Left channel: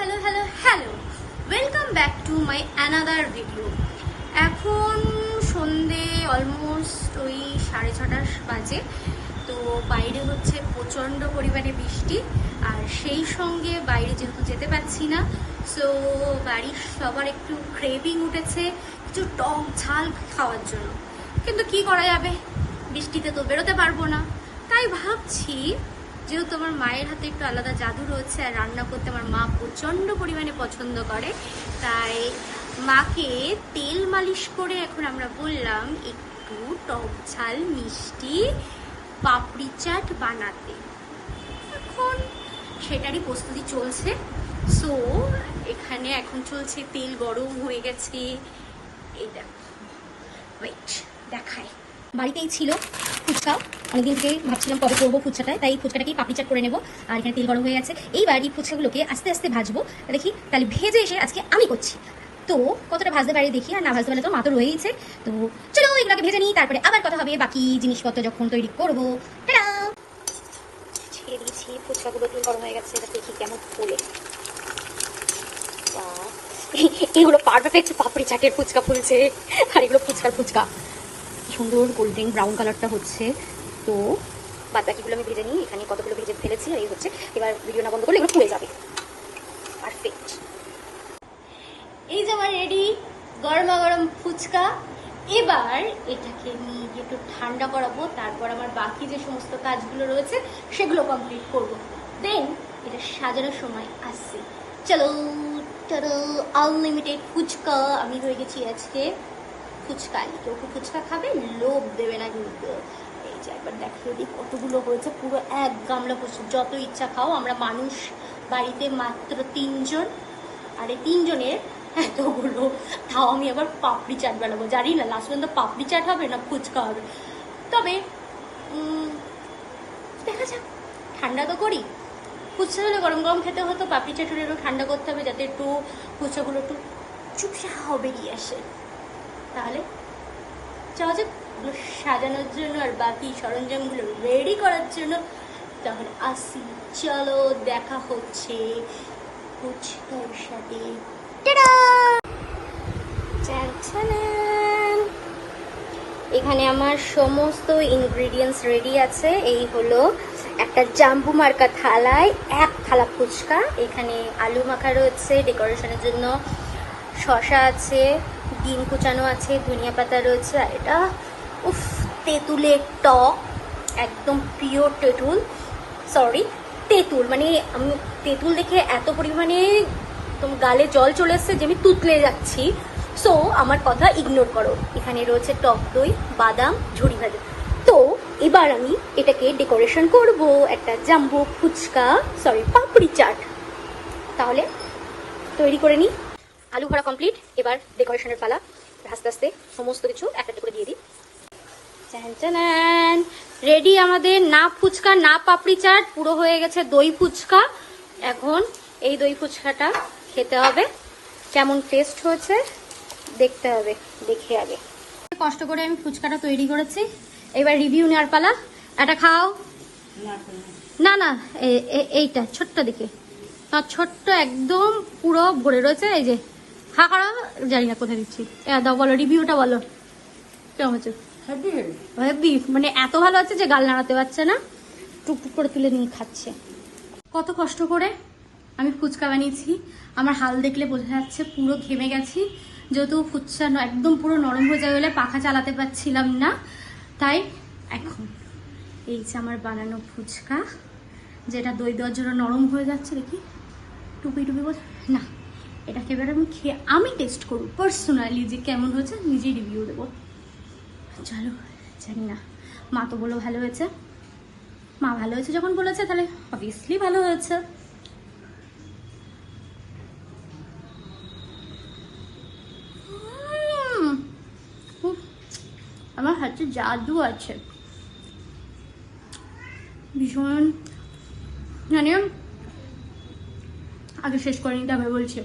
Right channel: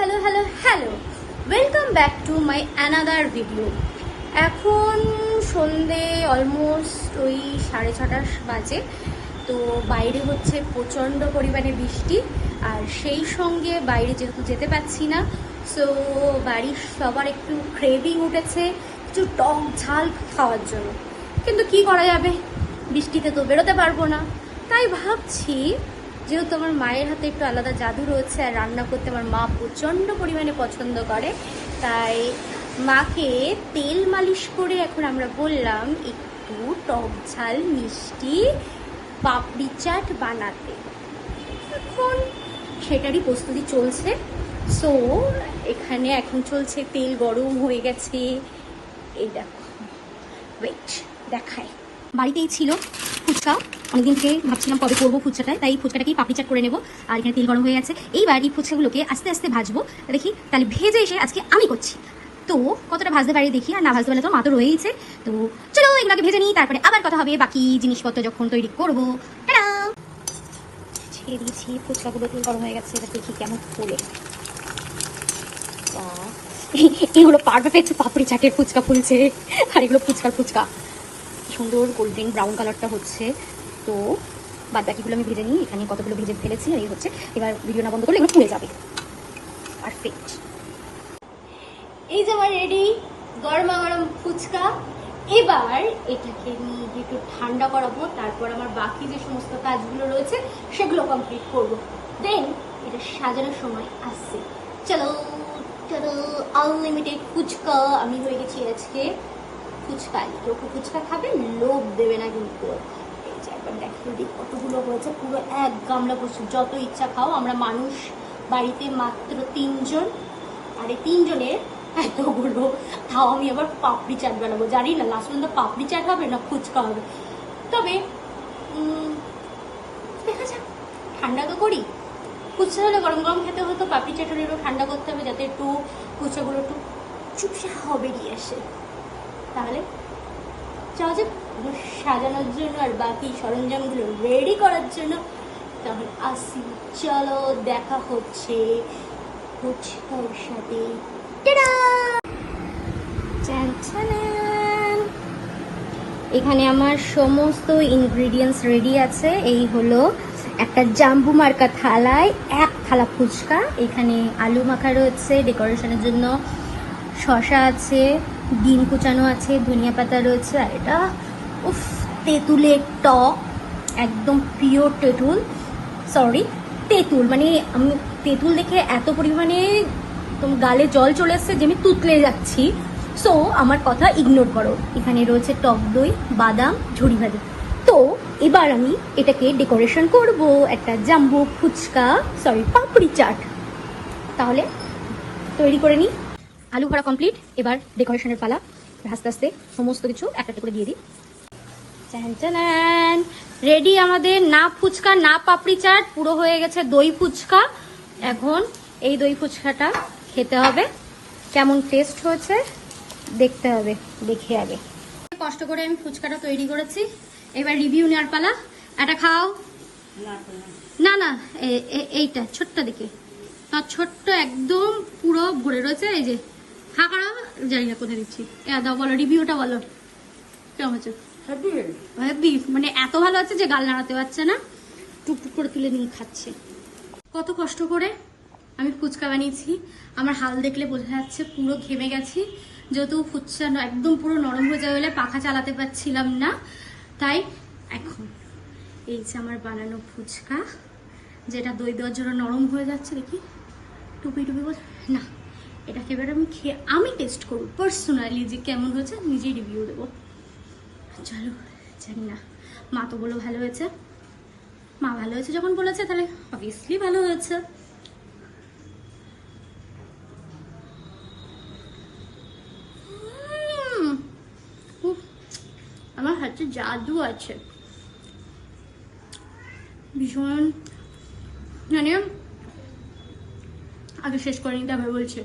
Hello, welcome back to my another video. এখন সন্ধে almost ওই 6:30 বাজে। তো বাইরে হচ্ছে প্রচণ্ড পরিমাণে বৃষ্টি, আর সেই সঙ্গে বাইরে যেহেতু যেতে পারছি না, তো বাড়ির সবার একটু ক্রেভিং উঠেছে একটু টক ঝাল খাওয়ার জন্য। কিন্তু কি করা যাবে, বৃষ্টিতে তো বেরোতে পারবো না। তাই ভাবছি, যেহেতু আমার মায়ের হাতে একটু আলাদা জাদু রয়েছে আর রান্না করতে আমার মা প্রচণ্ড পরিমাণে পছন্দ করে, তাই মাকে তেল মালিশ করে এখন আমরা বললাম একটু টক ঝাল মিষ্টি পাপড়ি চাট বানাতে। এখন সেটারই প্রস্তুতি চলছে। সো এখানে এখন চলছে, তেল গরম হয়ে গেছে। এই দেখো, ওয়েট দেখায়। বাড়িতেই ছিল ফুচকা, অনেকদিন থেকে ভাবছিলাম কবে করবো ফুচকাটায়, তাই ফুচকাটাকেই পাপড়ি চাট করে নেবো। আর এখানে তেল গরম হয়ে গেছে। এইবার এই ফুচকাগুলোকে আস্তে আস্তে ভাজবো, দেখি তাহলে ভেজে এসে আজকে আমি করছি। তো কতটা ভাজতে পারি দেখি, আর না ভাজতে পারলে তো মা তো রয়েইছে। তো চলো এগুলোকে ভেজে নিই, তারপরে আবার কথা হবে বাকি জিনিসপত্র যখন তৈরি করবো। ছেড়ে দিয়েছি, ফুচকাগুলো তেল গরম হয়ে গেছে, এবার দেখি কেমন ফুলে। এই হলো পারফেক্ট পাপড়ি চাটের ফুচকা ফুলছে। আর এগুলো ফুচকা সুন্দর গোল্ডেন ব্রাউন কালারটা হচ্ছে। তো বাদ বাকিগুলো আমি ভেজে নিই, এখানে কতগুলো ভেজে ফেলেছি। এই হচ্ছে, এবার ভিডিও না বন্ধ করলে এগুলো ফুলে যাবে। পারফেক্ট। এই যে আমার রেডি গরমা গরম ফুচকা। এবার এটাকে নিয়ে যে একটু ঠান্ডা করাবো, তারপর আমার বাকি যে সমস্ত কাজগুলো রয়েছে সেগুলো কমপ্লিট করবো। দেন এটা সাজানোর সময় আসছে। চলো চলো, আনলিমিটেড ফুচকা আমি হয়ে গেছি আজকে ফুচকা। কেউ ফুচকা খাবে, লোভ দেবে না কিন্তু। এই যে একবার দেখিয়ে দিই কতগুলো হয়েছে, পুরো এক গামলা করছে। যত ইচ্ছা খাও, আমরা মানুষ বাড়িতে মাত্র 3 জন, আর এই 3 জনের এতগুলো। তাও আমি আবার পাপড়ি চাট বানাবো, জানি না লাস্ট পর্যন্ত পাপড়ি চাট হবে না ফুচকা হবে। তবে দেখা যাক, ঠান্ডা তো করি। ফুচকা হলে গরম গরম খেতে হতো, পাপড়ি চাট হলে একটু ঠান্ডা করতে হবে, যাতে একটু ফুচকাগুলো একটু চুপসা হবে দিয়ে আসে। তাহলে চাও যে সাজানোর জন্য আর বাকি সরঞ্জামগুলো রেডি করার জন্য, তাহলে আসি। চলো দেখা হচ্ছে ফুচকার সাথে। এখানে আমার সমস্ত ইনগ্রেডিয়েন্টস রেডি আছে। এই হলো একটা জাম্বু মার্কা থালায় 1 থালা ফুচকা। এখানে আলু মাখা রয়েছে ডেকোরেশনের জন্য, শসা আছে, ডিম কুচানো আছে, ধনিয়া পাতা রয়েছে, আর এটা তেঁতুলের টক, একদম পিওর তেঁতুল। তেঁতুল মানে আমি তেঁতুল দেখে এত পরিমাণে গালে জল চলে এসছে যে আমি তুতলে যাচ্ছি। সো আমার কথা ইগনোর করো। এখানে রয়েছে টক দই, বাদাম, ঝুড়ি ভাজি। তো এবার আমি এটাকে ডেকোরেশন করব একটা জাম্বু ফুচকা পাপড়ি চাট। তাহলে তৈরি করে নিই। আলু ভরা কমপ্লিট, এবার ডেকোরেশনের পালা। আস্তে আস্তে সমস্ত কিছু একটা করে দিয়ে দিই। রেডি আমাদের না ফুচকা না পাপড়ি চাট, পুরো হয়ে গেছে দই ফুচকা। এখন এই দই ফুচকাটা খেতে হবে, কেমন টেস্ট হয়েছে দেখতে হবে, দেখে আগে। কষ্ট করে আমি ফুচকাটা তৈরি করেছি, এবার রিভিউ নেওয়ার পালা। এটা খাও। না না, এইটা ছোট্ট দেখে, ছোট্ট একদম পুরো ভরে রয়েছে। এই যে হা করা, জানি না কোথায় দিচ্ছি। দাও, বলো রিভিউটা বলো কেমন হচ্ছে। হেভি মানে এত ভালো আছে যে গাল নাড়াতে পারছে না, টুকটুক করে তুলে নিয়ে খাচ্ছে। কত কষ্ট করে আমি ফুচকা বানিয়েছি, আমার হাল দেখলে বোঝা যাচ্ছে পুরো ঘেমে গেছি। যেহেতু ফুচকা একদম পুরো নরম হয়ে যাবে বলে পাখা চালাতে পারছিলাম না, তাই এখন এই যে আমার বানানো ফুচকা, যেটা দই দেওয়ার জন্য নরম হয়ে যাচ্ছে। দেখি টুপি বল না, এটাকে এবার আমি খেয়ে আমি টেস্ট করবো পার্সোনালি যে কেমন হয়েছে, নিজেই রিভিউ দেবো। চলো, জানি না, মা তো বলো ভালো হয়েছে। মা ভালো হয়েছে যখন বলেছে, তাহলে অবভিয়াসলি ভালো হয়েছে। আমার হাতে জাদু আছে ভীষণ, জানি আগে শেষ করে নিতে হবে বলছে।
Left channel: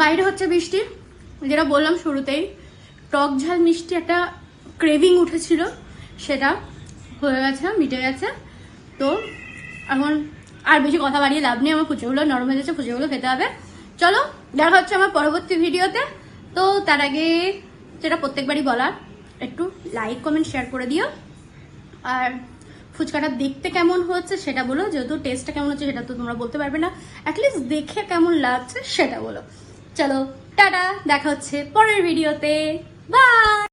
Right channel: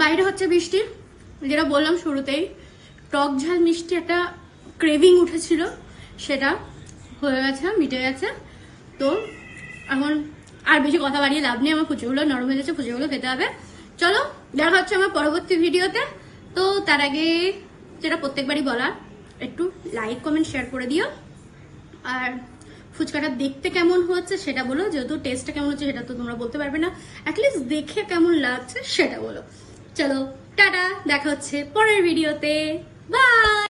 বাইরে হচ্ছে বৃষ্টি, যেটা বললাম শুরুতেই, টক ঝাল মিষ্টি একটা ক্রেভিং উঠেছিল, সেটা হয়ে গেছে, মিটে গেছে। তো এখন আর বেশি কথা বাড়িয়ে লাভ নেই, আমার ফুচকাগুলো নরম হয়ে যাচ্ছে, ফুচকাগুলো খেতে হবে। চলো দেখা হচ্ছে আমার পরবর্তী ভিডিওতে। তো তার আগে যেটা প্রত্যেকবারই বলার, একটু লাইক কমেন্ট শেয়ার করে দিও, আর ফুচকাটা দেখতে কেমন হচ্ছে সেটা বলো, যেহেতু টেস্টটা কেমন হচ্ছে সেটা তো তোমরা বলতে পারবে না, অ্যাটলিস্ট দেখে কেমন লাগছে সেটা বলো। চলো টাটা, দেখা হচ্ছে পরের ভিডিওতে, বাই।